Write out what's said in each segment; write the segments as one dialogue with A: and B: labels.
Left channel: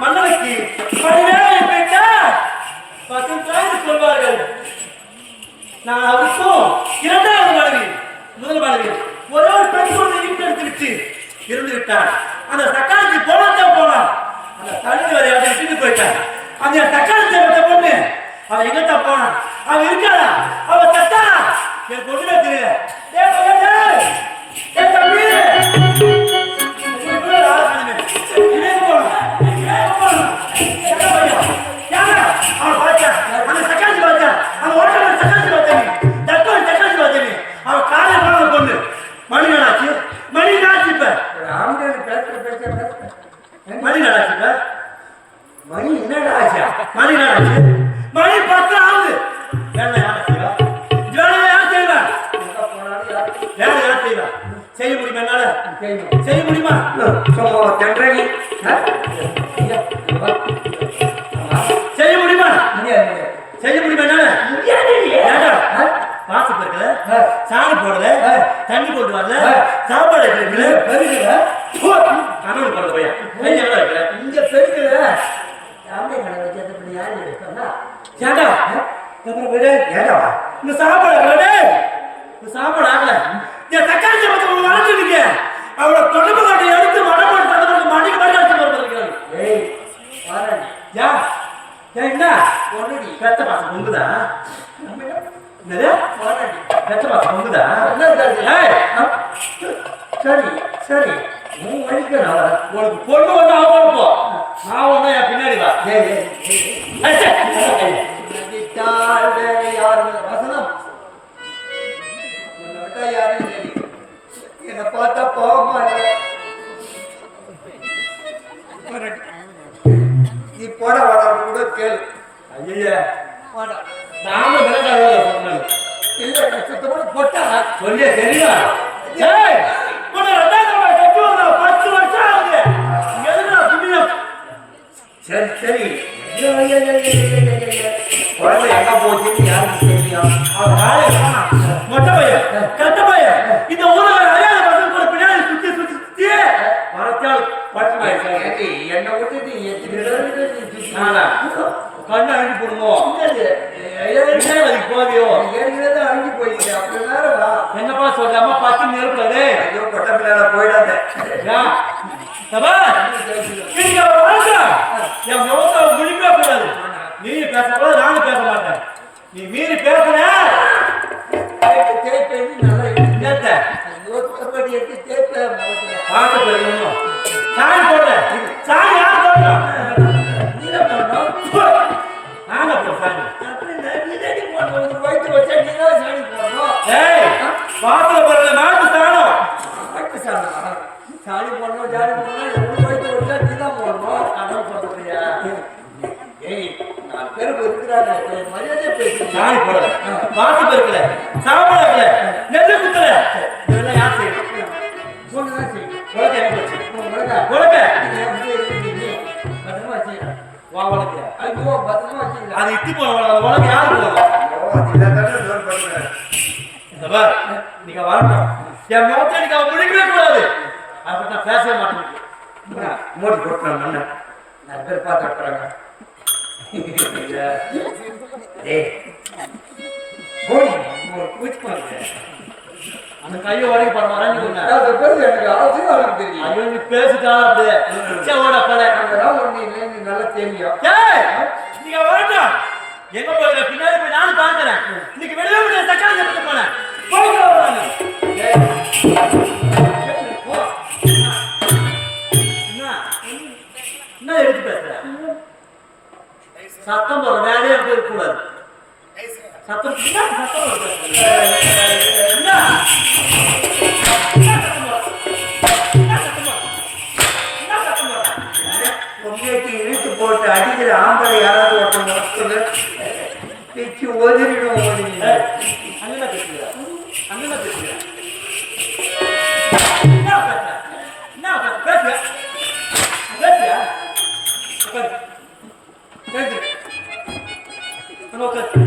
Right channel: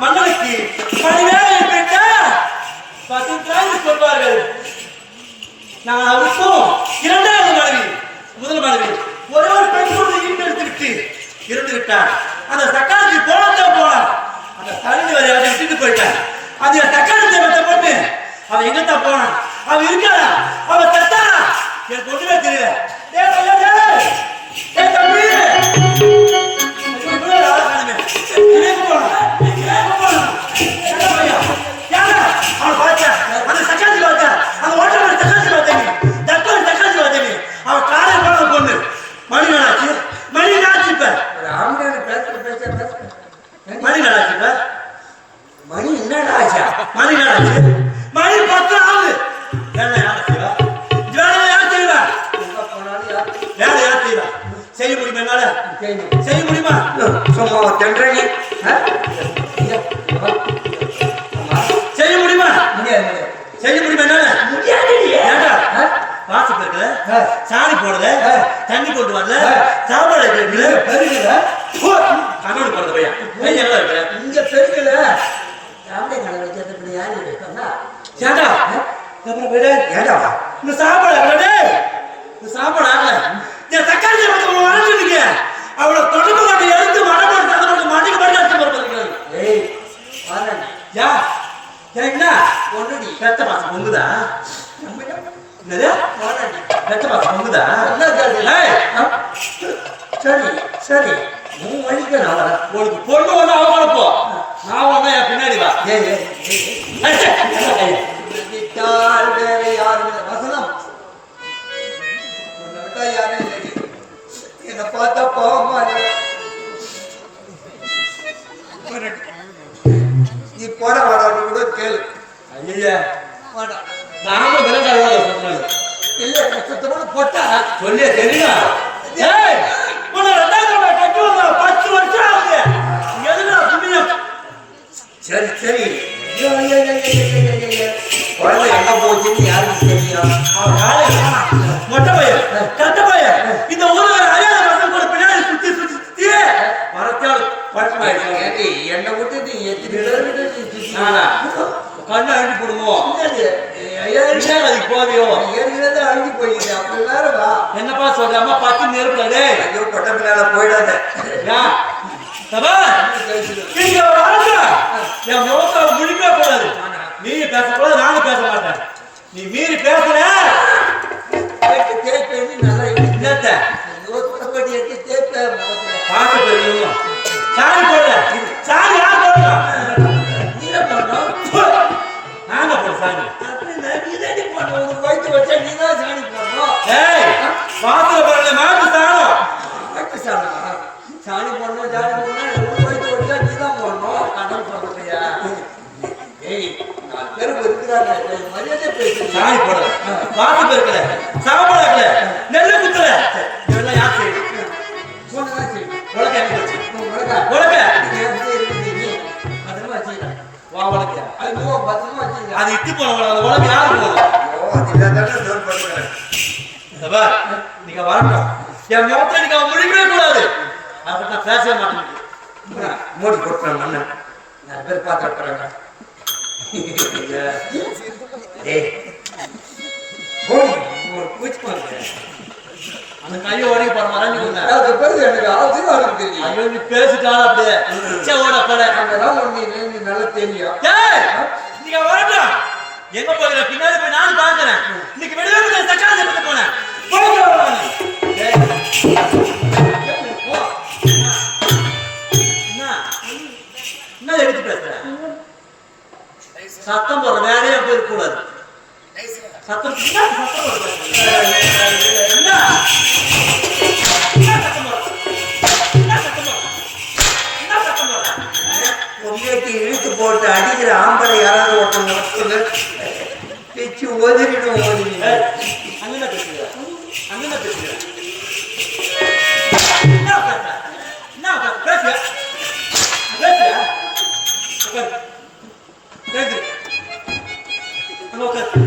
A: மன்னனுக்கு பணிவேலை பெற்ற பத்து சொல்வார்கள். நான் அவருக்கும் இரண்டாவது மனைவி முதல் மனைவி ஒரே ஒரு பெண் குழந்தை வீட்டு எடுத்து விட்டு இருந்து விட்டார். அந்த தக்காளிக்கு போனதான் போனான். அந்த தண்ணி வரை அதை விட்டுட்டு போயிட்டான். அந்த தக்காளி தேவத்தை போட்டு அவன் எங்கத்தான் போனான். அவன் இருக்காளா? அவன் தத்தாளா எனக்கு ஒன்றுமே தெரியல. டேய் தம்பி. அந்த தக்காளி பார்த்தேன். அந்த ஓட்டமான தக்காளி பார்த்தேன். தக்காளி தக்காளி பார்த்தேன். அவன் காலையில போனது பொண்ணு. மணி நாளாச்சு. மணி நாச்சு இப்ப. மணி நாளாச்சு இப்ப.
B: மணி என்னடா ஆச்சா?
A: மணி நாளாச்சு. மணி பத்து ஆகுது. வேலை யார் செய்வா? வேலை யார் செய்வா? வேலை யார் செய்வா? செய்ய முடியுமா என்னால. செய்ய முடியுமா? போடல. தண்ணி போட்டு வரல. சாப்பாடு வைக்கல
B: பெருகுல.
A: கண்ணோடு போறது பையன் கை எங்க வைக்கல
B: இங்க பெருகுல. ஆம்பளை கடை வைக்கிறது இப்படி யாரு வைப்பாங்க?
A: ஏண்டா அப்புறம் போயிடு
B: ஏண்டா வா?
A: இந்த சாப்பாடு ஆகல இந்த சாப்பாடு ஆகல என் தக்காளி சாப்பிட்டு வளர்ந்துருக்கீங்க அவளை தொடர்பு காட்டி எடுத்து மரம் போட்டு அதை போட்டு மாட்டிக்கு மாட்டி அடிச்சு
B: ஏய்.
A: யா ஏன் என்ன
B: பொண்ணுடி.
A: ரத்த பாசம் பொங்குதா
B: சரி சரி. உன் வழிக்கு நான்
A: உனக்கு பொண்ணு ஒண்ணு அவ வளர்ப்போ நான் ஒண்ணு என் பின்னாடி வா.
B: யாரும். வசனம். யாரும். என்னை பார்த்தா பாவமா. நீ போட வாடான்னு கூட கேளு.
A: ஐயையே,
B: வாடா
A: நாமளும்
B: இல்லை சுத்தமான போட்டா.
A: சொல்லிய தெரியுமா? ஏய் உன்னை ரெண்டாவது கட்டி பத்து வருஷம் ஆகுது. எதுனா புண்ணியம்?
B: சரி சரி. குழந்தை எங்க போச்சுன்னு யாருக்கு தெரியும்?
A: அவன் மொட்டை பையன் கட்ட பையன் இந்த ஊர்ல இருக்கிற அறியாத பசங்க கூட பின்னாடி சுத்தி சுத்தி சுத்தி
B: ஏண்டி, என்னை விட்டு நீ எத்தனை
A: கண்ணை அழுத்தி போடுவோம் அதுக்கு
B: கிலோ தான் அழுகி போயிடுச்சு. வேற வா.
A: என்னப்பா சொல்றாம பத்து நெருப்புடாடே
B: ஐயோ பொட்ட பிள்ளைல போயிடாத.
A: முழிக்கவே கூடாது. நீ பேசக்கூடாது நானும் பேச மாட்டேன். நீ மீறி பேசுற
B: தேய்ப்பு, தேய்ப்பேன்னு நல்லா.
A: என்னத்த?
B: முகத்துல.
A: பார்க்க பெரியணும் சாணி போடல சாணி யார் போடலாம்
B: நீதான் போடணும்.
A: நாங்க போட சாணி
B: நீதாண்டி போடணும். வயித்து வச்சா நீதான் சாணி போடணும்.
A: ஏய் வாசல பரவாயில்ல மாட்டு ஸ்தானம்
B: வயித்து சாணிமா? சாணி போடணும், சாணி போடணும். வயித்து வச்சா நீதான் போடணும்.
A: கடல் போடுறதுயா
B: ஏய், நாலு பேர் இருக்கிறாங்க. பேசு.
A: சாணி போடல வாசு பெருக்கல சாப்பாடு நெல்லு குத்தல இதெல்லாம் யார்
B: செய்யணும்.
A: உலக என்ன போச்சு அது இட்டு போன உலக உலக யாரு போகணும் நீங்க வரட்டும் என் முகத்துல நீங்க அவன் முழிக்கவே கூடாது அதை பற்றி நான் பேசவே மாட்டேன்
B: மோடி கொடுக்குறேன் மண்ணன் நிறைய பேர் பார்த்து போறாங்க ஏய் மோடி ஒரு பூச்சி பண்ணுறேன்
A: அந்த கையை உடைக்க போற
B: அது பேர் எனக்கு அவசியம் அவருக்கு தெரியும்?
A: ஐயோ நீ பேசிட்டாலும் அப்படியே. சே ஓட
B: ஒண்ணு நீ நல்லா தெரியும்
A: நீங்க வரட்டும் எங்க போகிற பின்னாடி போய் நானும் பாக்குறேன் இன்னைக்கு வெளியே போய் தக்காளி பத்த போனேன். என்ன? எடுத்து பேசுற? சத்தம் போடுற வேலையே போய் கூடாது சத்தம் பேசுற? என்ன சத்தம் போடுற? என்ன சத்தம் போடுற? என்ன சத்தம் போடுற?
B: உங்களுக்கு இழுத்து போட்டு அடிக்கிற ஆம்பளை யாராவது ஒருத்தங்க பிச்சு ஒதுரிடும் ஓதுறீங்க
A: ஏய், அங்கதான் பேசுகிற அங்கதான் பேசுகிற என்ன பேசுற என்ன பேசுறியா? பேசுறியா? உட்காரு. பேசு அங்க உட்காரு.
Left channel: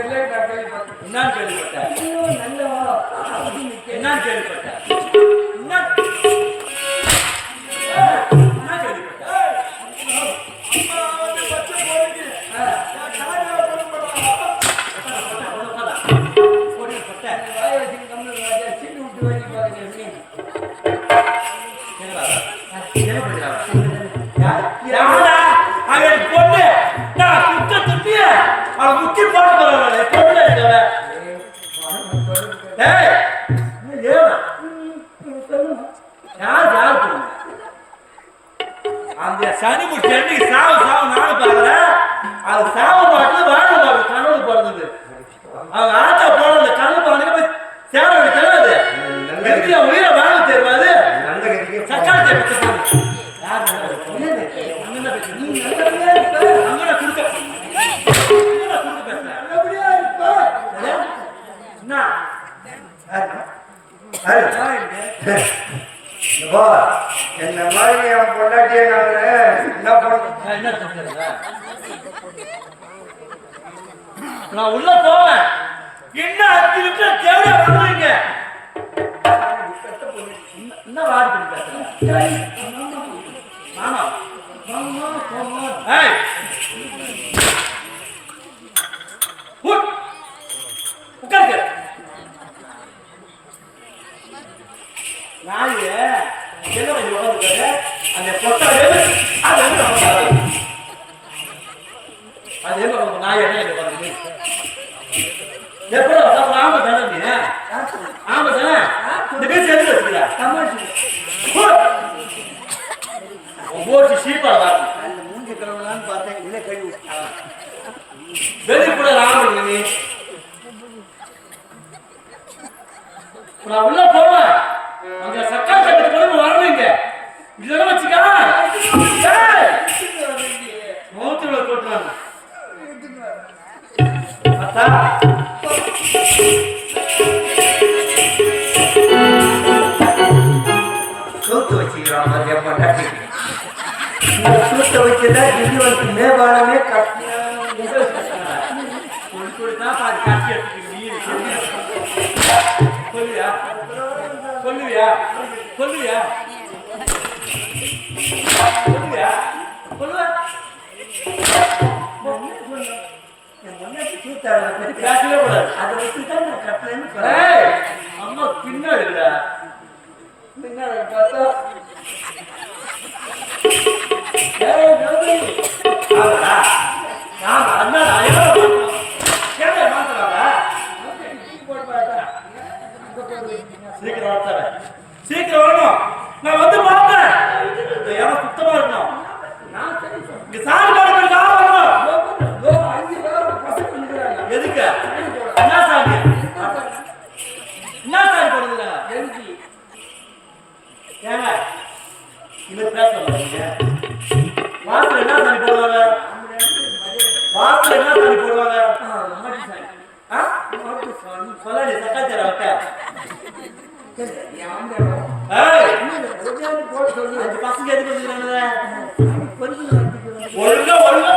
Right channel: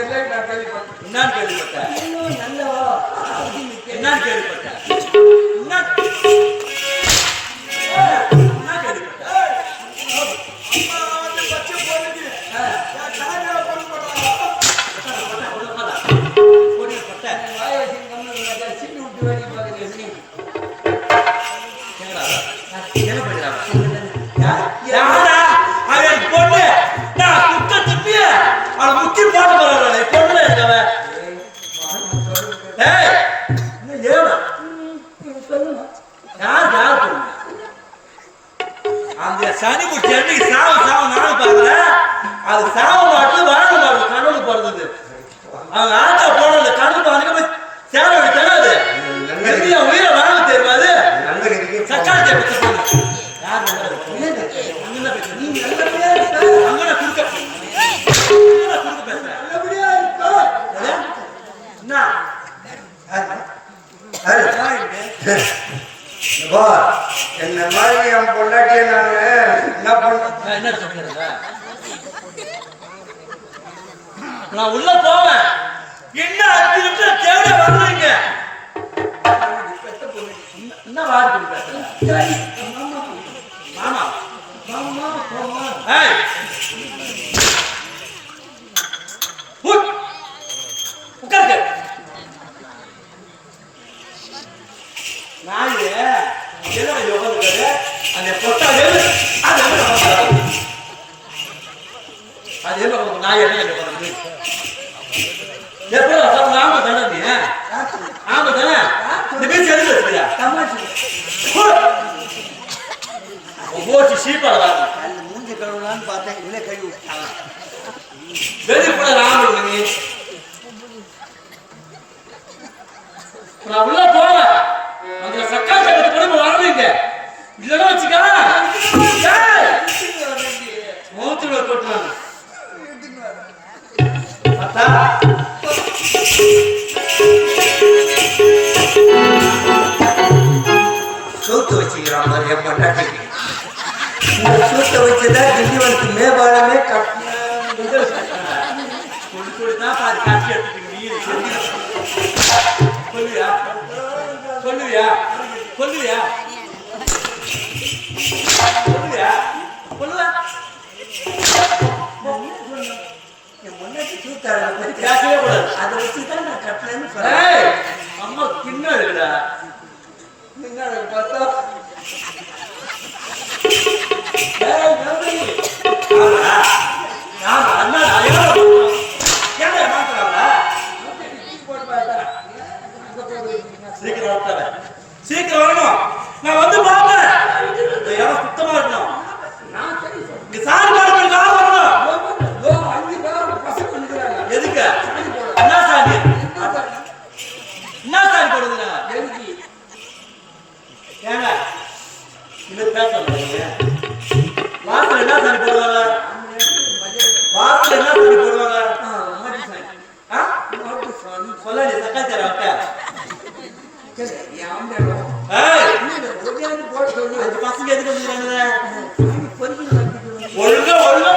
B: எல்லை நான் கேள்விப்பட்டேன்.
A: என்னன்னு கேள்விப்பட்டேன்.
B: ஐயோ, நல்ல வாழை.
A: என்னன்னு கேள்விப்பட்டேன். என்ன என்ன சனி முடிச்ச என்னைக்கு சாவு சாவு நானும் பாக்குறேன் அது சாவு மாட்டு வாழ மாட்டு கனவு பிறந்தது. அவங்க ஆட்டா போனது கனவு பாருங்க போய் சேர வேண்டிய தராது எதுக்கு என் உயிரை வாங்க தெரியாது சக்காளி தேவை பத்த போகுது யார் அங்கே பேசுறேன்
B: நீ நல்லபடியா இருக்க.
A: அங்கே கொடுக்க கொடுக்க பேசுறேன்? என்ன?
B: என்ன? மாதிரி என் பொண்டாட்டியை
A: நான் நான் உள்ள போவேன். என்ன அஞ்சு நிமிஷம் தேவையா வந்துருங்க என்ன வாடி பண்ணி பேசுறேன் ஏய். நாய் உட்காந்துருக்காரு? அந்த பொட்டாலே அது என்ன அது என்ன உட்காந்து நாய் என்ன இங்க உட்காந்துருக்கு எப்படி ஆமா தானே நீ? ஆமா தானே? இந்த பேச்சு எடுத்து வச்சுக்கிறேன் பார்த்தா?
B: சூத்து வச்சுக்கிறான் இந்த சூத்தை வச்சுதான் திண்டிவனத்து மேம்பாலமே கட்டினாங்க.
A: தான் பாரு காட்சி நீ சொல்லுவியா? சொல்லுவியா? சொல்லுவியா?
B: பொண்டாட்டி சூத்தாளரை பத்தி
A: பேசவே கூடாது.
B: அதை வச்சுதான் நான் கட்டலன்னு சொன்னேன்.
A: ஏய் அம்மா பின்னாடி இருக்குடா.
B: பின்னாடி பார்த்தா,
A: ஏய் ஆமா ஆமா என்னடா யாரோ மாத்துறாங்க யாரோ மாத்துறாங்க
B: டீ போட்டு பார்த்தா, அங்க போய் வைக்கிறீங்க.
A: சீக்கிரம் வரட்டாவே சீக்கிரம் வரணும் நான் வந்து பார்த்தேன் இந்த இடம் சுத்தமா இருக்கணும்
B: நான் சரி சொல்றேன்.
A: இங்க சாணி பாடு போய் கார் வரணும்
B: இதோ பாரு, இதோ அஞ்சு பேர் பசங்க வந்துக்கிறாங்க.
A: எதுக்கு
B: சாணி போட.
A: என்ன சாணி
B: என்ன சாணி?
A: என்ன சாணி போடுதுடா
B: எழுதி.
A: ஏங்க இனிமே பேச மாட்டீங்க வாசல் என்ன சாணி போடுவாங்க. வாசல் என்ன போடுவாங்க?
B: சாணி. சாணி.
A: சொல்லாடி தக்காளி தர விட்ட
B: சரி, என் ஆம்பளையாரோ.
A: ஏய்!
B: என்னது, ஒடியாந்து போட சொல்லி,
A: அஞ்சு பசங்க எதுக்கு வந்துக்கிறாங்க ஒழுங்கா ஒழுங்கா.